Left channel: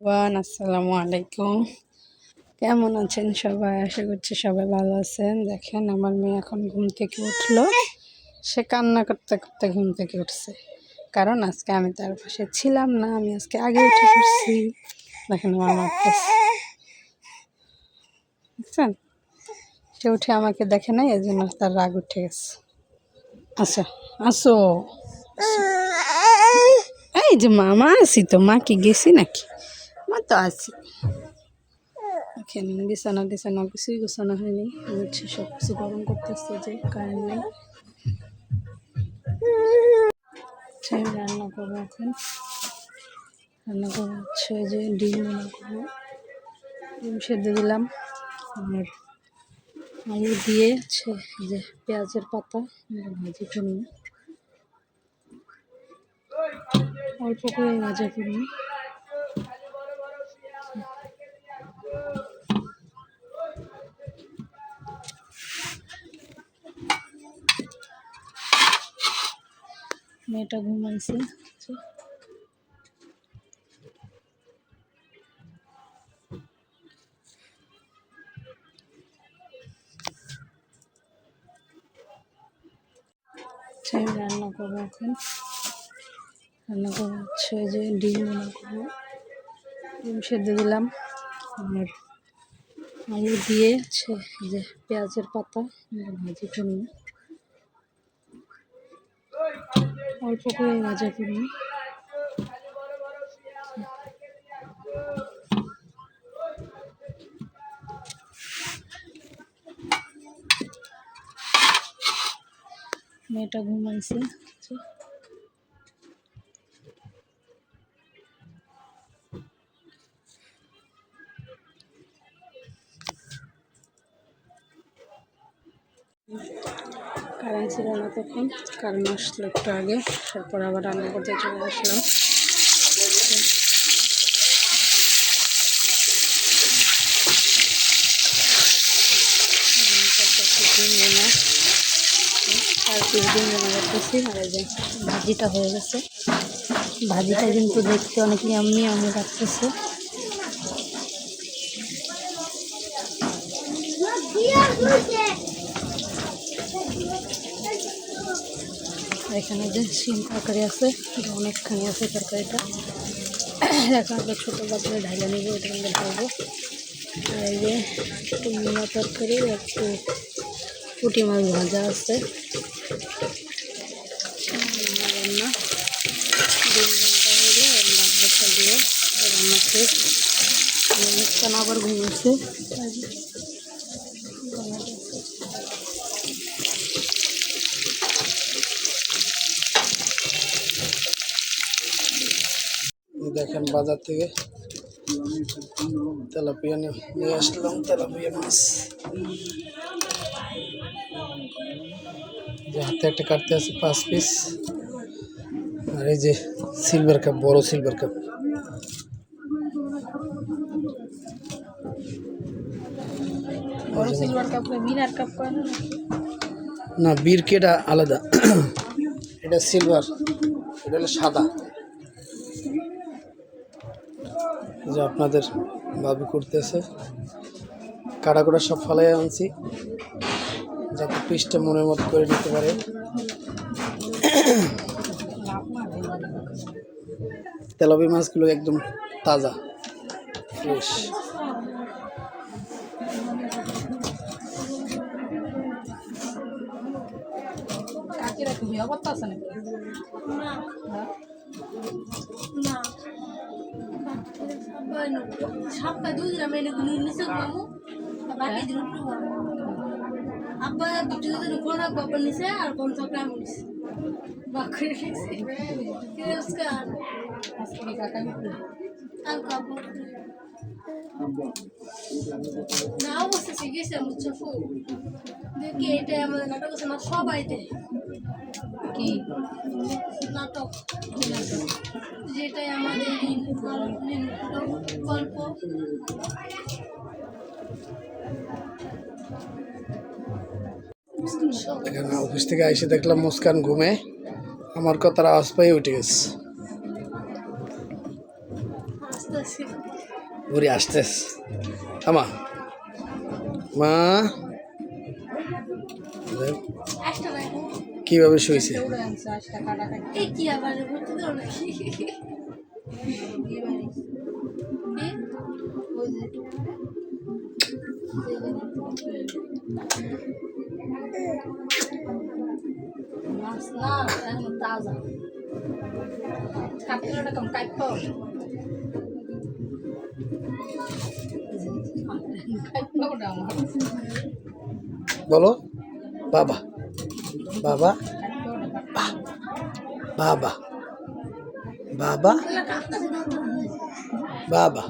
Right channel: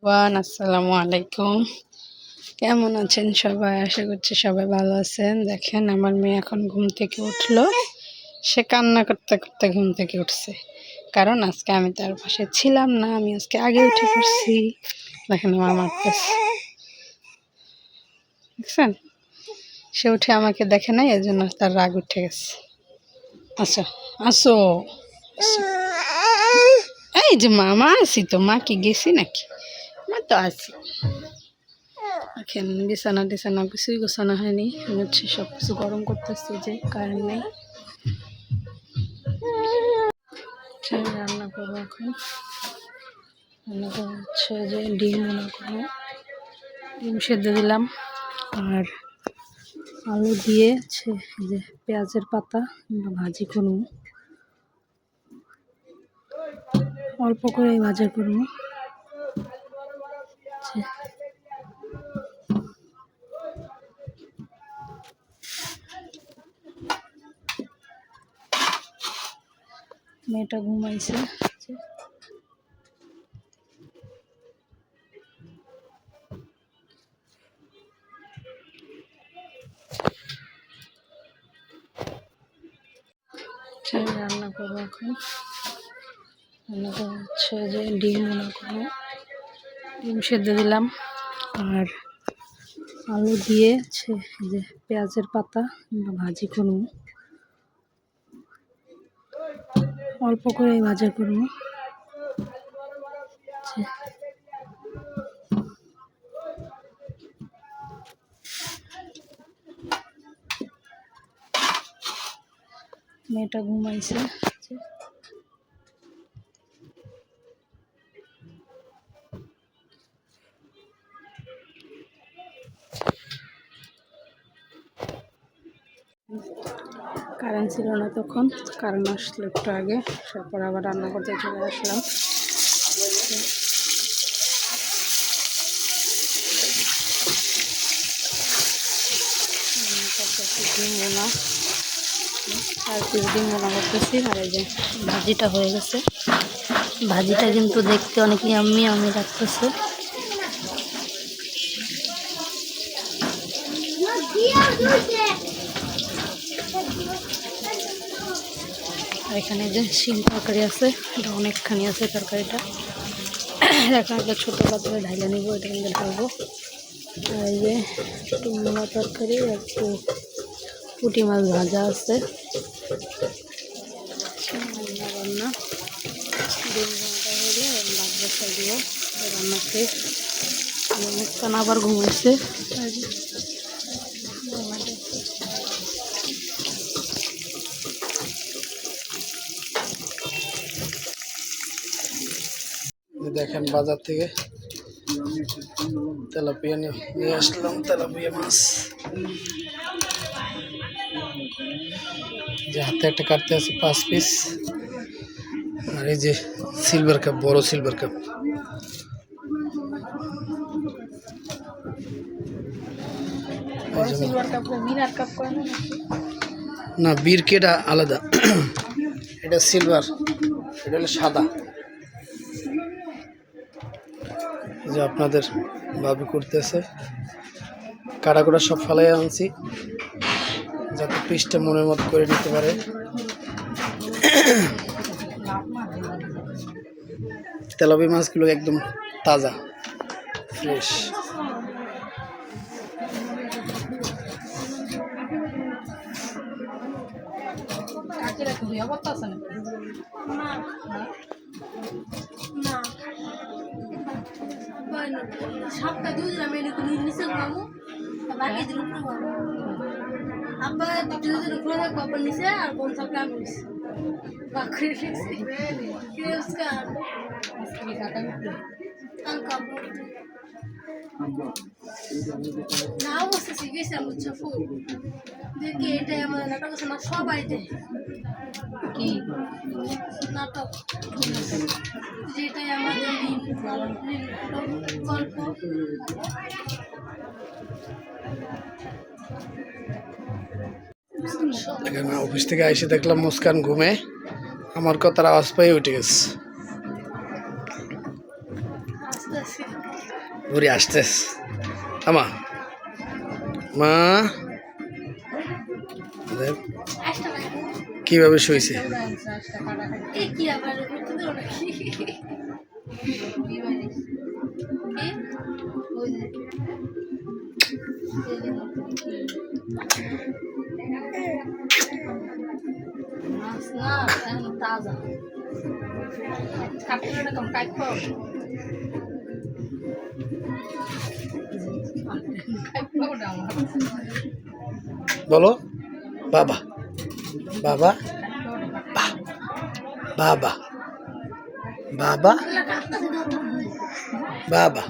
আসসালামু আলাইকুম। কেমন আছেন সবাই? আশা করছি সবাই ভালো আছেন। দেখেন আমার মেয়ে এখন ঘুম থেকে উঠলো। সে কান্না করতে করতে ঘুম থেকে উঠছে, কারণ আজকে আমি তার পাশে ছিলাম না। আমি আজকে আগে উঠে পড়ছি। দেখেন আমার মারতেছে, দেখছেন? সে উঠে আমাকে দেখে নাই, এর জন্য তার রাগ উঠে গেছে। আচ্ছা, আসো। এই যে মামা আছি তো, মা কি গেছি নাকি? মা তো আছি। এখন বিছানা টিছানা কিছুই গোছানো হয়নি, হচ্ছে সব কিছু গরম করতেছি, যে কারেন্ট নেই। রান্না করবো এখন। রান্না করবো হচ্ছে যে ডিম রান্না করবো। ডিম সেদ্ধ দিলাম, আর আলু দিয়ে যে পেঁয়াজের পাতা ভাজি করবো, অল্প করে ভাজা করবো। মেয়েটা ঘুমাইছে। রান্না করবো এখন। রান্না করবো হচ্ছে যে ডিম রান্না করবো। ডিম সেদ্ধ দিলাম, আর আলু দিয়ে যে পেঁয়াজের পাতা ভাজি করবো, অল্প করে ভাজা করবো। মেয়েটা ঘুমাইছে। কারেন্ট ছিল না তখন, কারেন্ট আসলো একটু আগে, তারপর আবার রান্না করতে চলে আসলাম। ডিম বোনা, আর কি ডিম বোনা করতেছি। আর এই যে ভাজিটা হয়ে গেছে। ভাজিটা কিন্তু দেখতে অনেক ইয়াম্মি আমি লাগতেছে। আর এখানে যে শিম তরকারি আছে, এটা অনেকখানি আছে তরকারিটা। এখন একটা ছোটো পাত্রে ঢাইলে নিব, এটা কিন্তু ঢালবো। আর এই যে একটু মোনা তরকারি, একটু পুঁটি মাছ ভাজা আছে। রান্না ডিম রান্নাটা হলে ভাত বসা দিব, রান্না শেষ। মুস্কান আবার ঘুমাইছে। দেখেন বাজার থেকে তেলাপিয়া নিয়ে আসলাম, তেলাপিয়া মাছ। যে হাতে একটা কাটতে আছে 5 পিস। আর এই যে সিলভার কাপ, বড় সিলভার কাপ। না, বীর কেটা আলাদা, এটা সিলভার, এটা হলো সাদা। যে আপনাদের ভাবি করতেছে, কাটাকুটা সব ফালাই আনছি, যাতে পিসটা মনের মতো করে নিতে পারে। তেলাপিয়া মাছগুলো একদম তাজা, ফ্রেশ। সবটা দুধ মেনে নিচে খাবো, বাকি দিন আব্বা দুধের উপরে কপাল নিচে, আর কোন সবটা আমি নিছি বাকি নিছি কে उसका আসলে কাকা নিতে আর কাপড় না অবশ্য শিখেছে মুচ্ছা ফুল দেখি। এটা আমাদের নাটক আছে না, সবাই দেয় কি নাটক, যেটাই আমাদের গল্প। এখানে অফিস থেকে এসে দেখলাম মুস্কান ঘুমে, আমার কথার আওয়াজ পাই উঠে গেছে। ঘুরে আসতেস আমা মা দেখ কিভাবে শুয়েছে বলো বাবা বাবা বাবা বাবা বাবা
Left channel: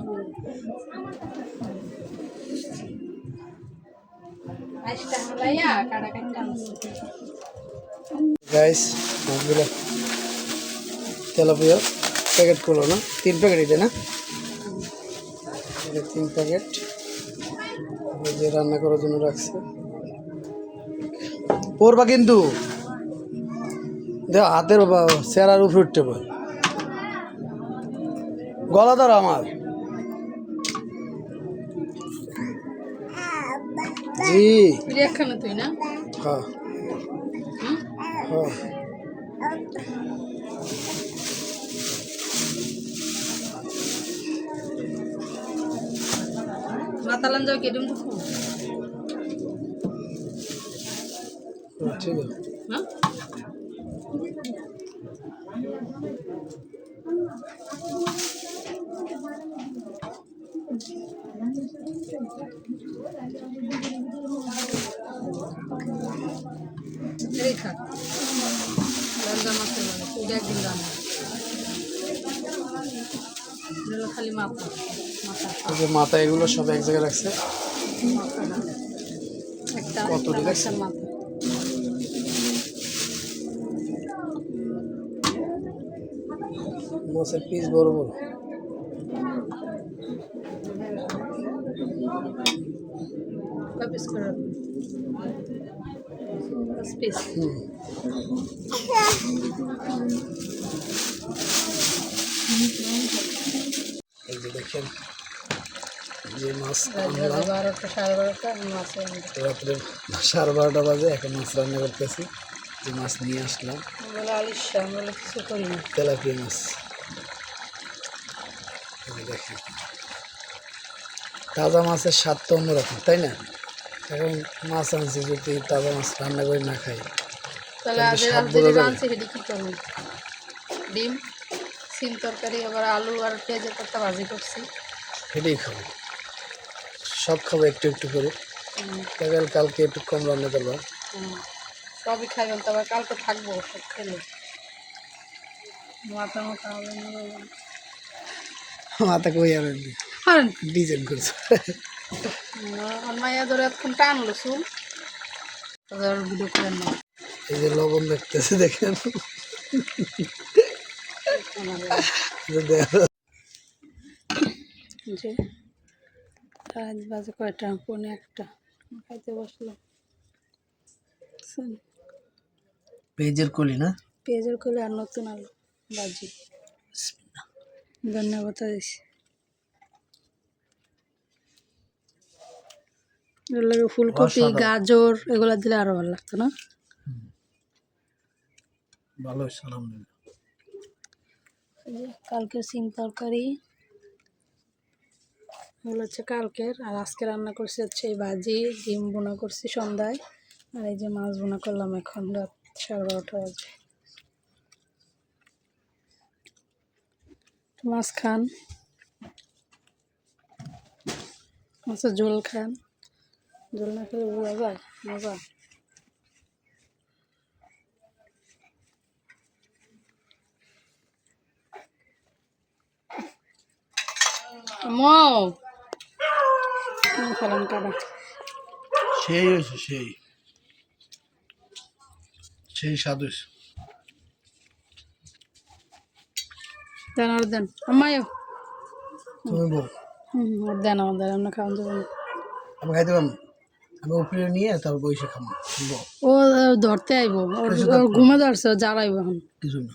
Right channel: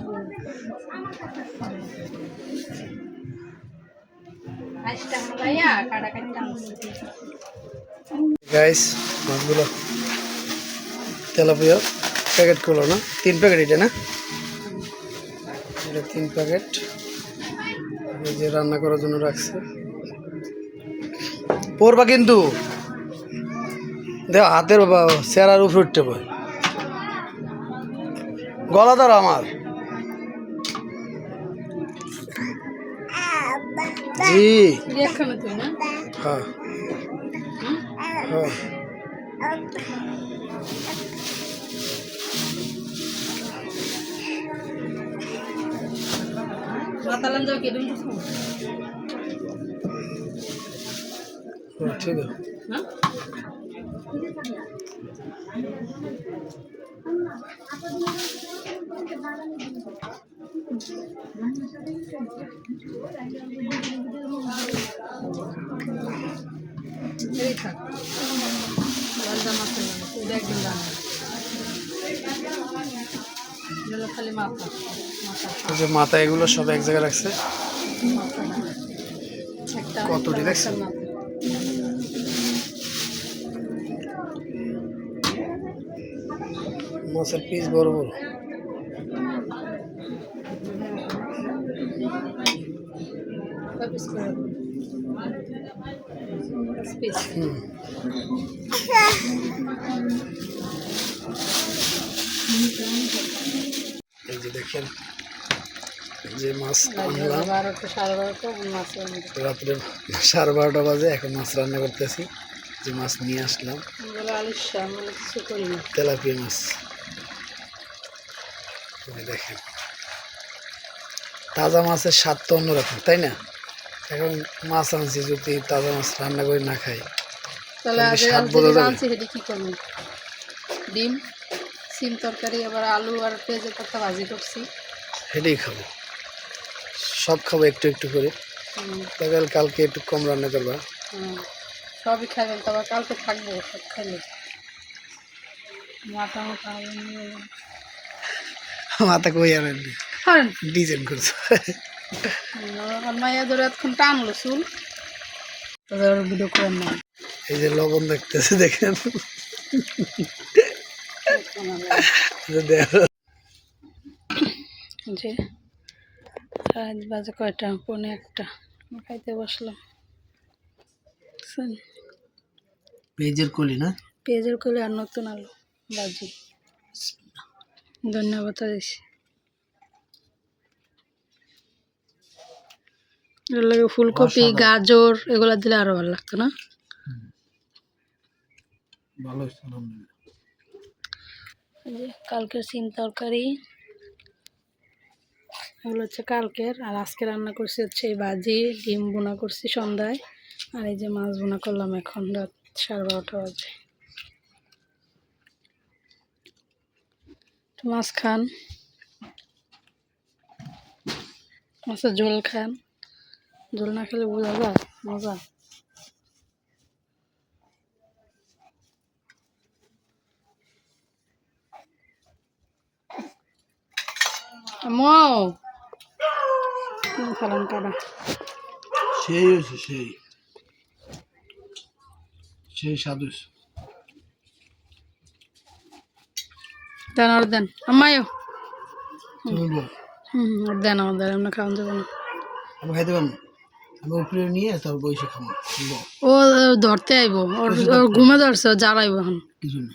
গাইস মাছগুলো তেলাপিয়া প্যাকেট করলো না 3 প্যাকেট এটা না এটা 3 প্যাকেট যে রান্না করার জন্য রাখছে পড়বা কিন্তু দেখ হাতের চেরার উপরে উঠতে পারে গলা ধরো আমার জি হ্যাঁ হ্যাঁ ঠিক আছে যে মাথা এগুলো সব এক জায়গায় রাখছে কতটি রাখছে মাছের পিস বড় বড় এই যে দেখেন যে মাছ আনলাম রাত্রে 12:30 বাজে এখন মাছ রান্না করতেছি যে মাছ নিয়ে আসলাম তেলাপিয়া মাছ দেখেন তাজা মাছের স্বাদ তো অন্যরকম তাই না এখন মাছ আনছি যদি তাজা মাছ রান্না করে না খাই স্বাদ বোঝা যাবে ডিম সিম তরকারি এবার আলু আর পেঁয়াজের পাতা ভাজি করছি সেটাই খাবো সব খাবো একটু একটু করে তাহলে কালকে একটু কম রান্না করবা সবই খাবেন তবে কালকে থাকবো সব খেলে মাথা মাথা কই আনেন ডিজাইন করছো মেয়েদের এখন টানলো চুল ভিডিও করেন না এই যে লবণ দেখতেছে দেখেন যে আজ বাজে কয়টা 1:45 খাইতে বসলাম পেঁয়াজের কলি না পেঁয়াজের কলি আর নতুন আলু ভাজি ধন্যবাদ দিছি এর লাগে ফুলকপি গাজর এগুলা দিলে আরো ভালো লাগতো না ভালো সালাম কালকের সিম তরকারি এগুলো হচ্ছে কালকের আর আজকে রান্না করছি হচ্ছে এই ভাজি ডিম বোনা করছি সন্ধ্যায় আর এই যে মাছ বোনা করলাম এখন রাত 12:30 বাজে মাছ খান মাছের ঝোল খান ঝোল না খেলে বোঝা যায় মজা ফেলান কাটা সেই আছে সেই স্বাদ দেন আর দেন আমায়ও তুমি বল আর দেন আমাদের আমরা খাওয়ান দেবো না আমি খাইতে পারবো আমি উপরে নিয়ে তারপর বসে খাবো ও ধরতে আইব ওর ঘুমে ধরছে ও জ্বালাইব এখন কিছু না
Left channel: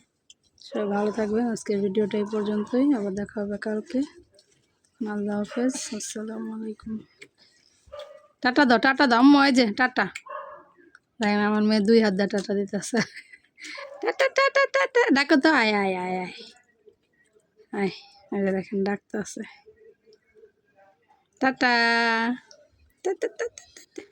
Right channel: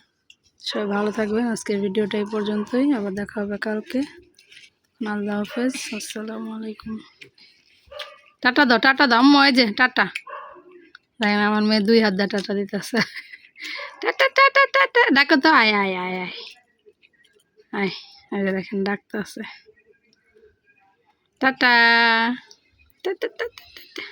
সবাই ভালো থাকবেন আজকের ভিডিওটা এই পর্যন্তই আবার দেখা হবে কালকে আল্লাহ হাফেজ, আসসালামু আলাইকুম। টাটা দাও, টাটা দাও আম্মু, এই যে টাটা। দেখেন আমার মেয়ে 2 হাত দিয়ে টাটা দিতেছে। টাটা টাটা টাটা ডাকো তো, আয় আয় আয় আয় আয়। এই যে দেখেন ডাকতেছে, টাটা টাটা টাটা টাটা।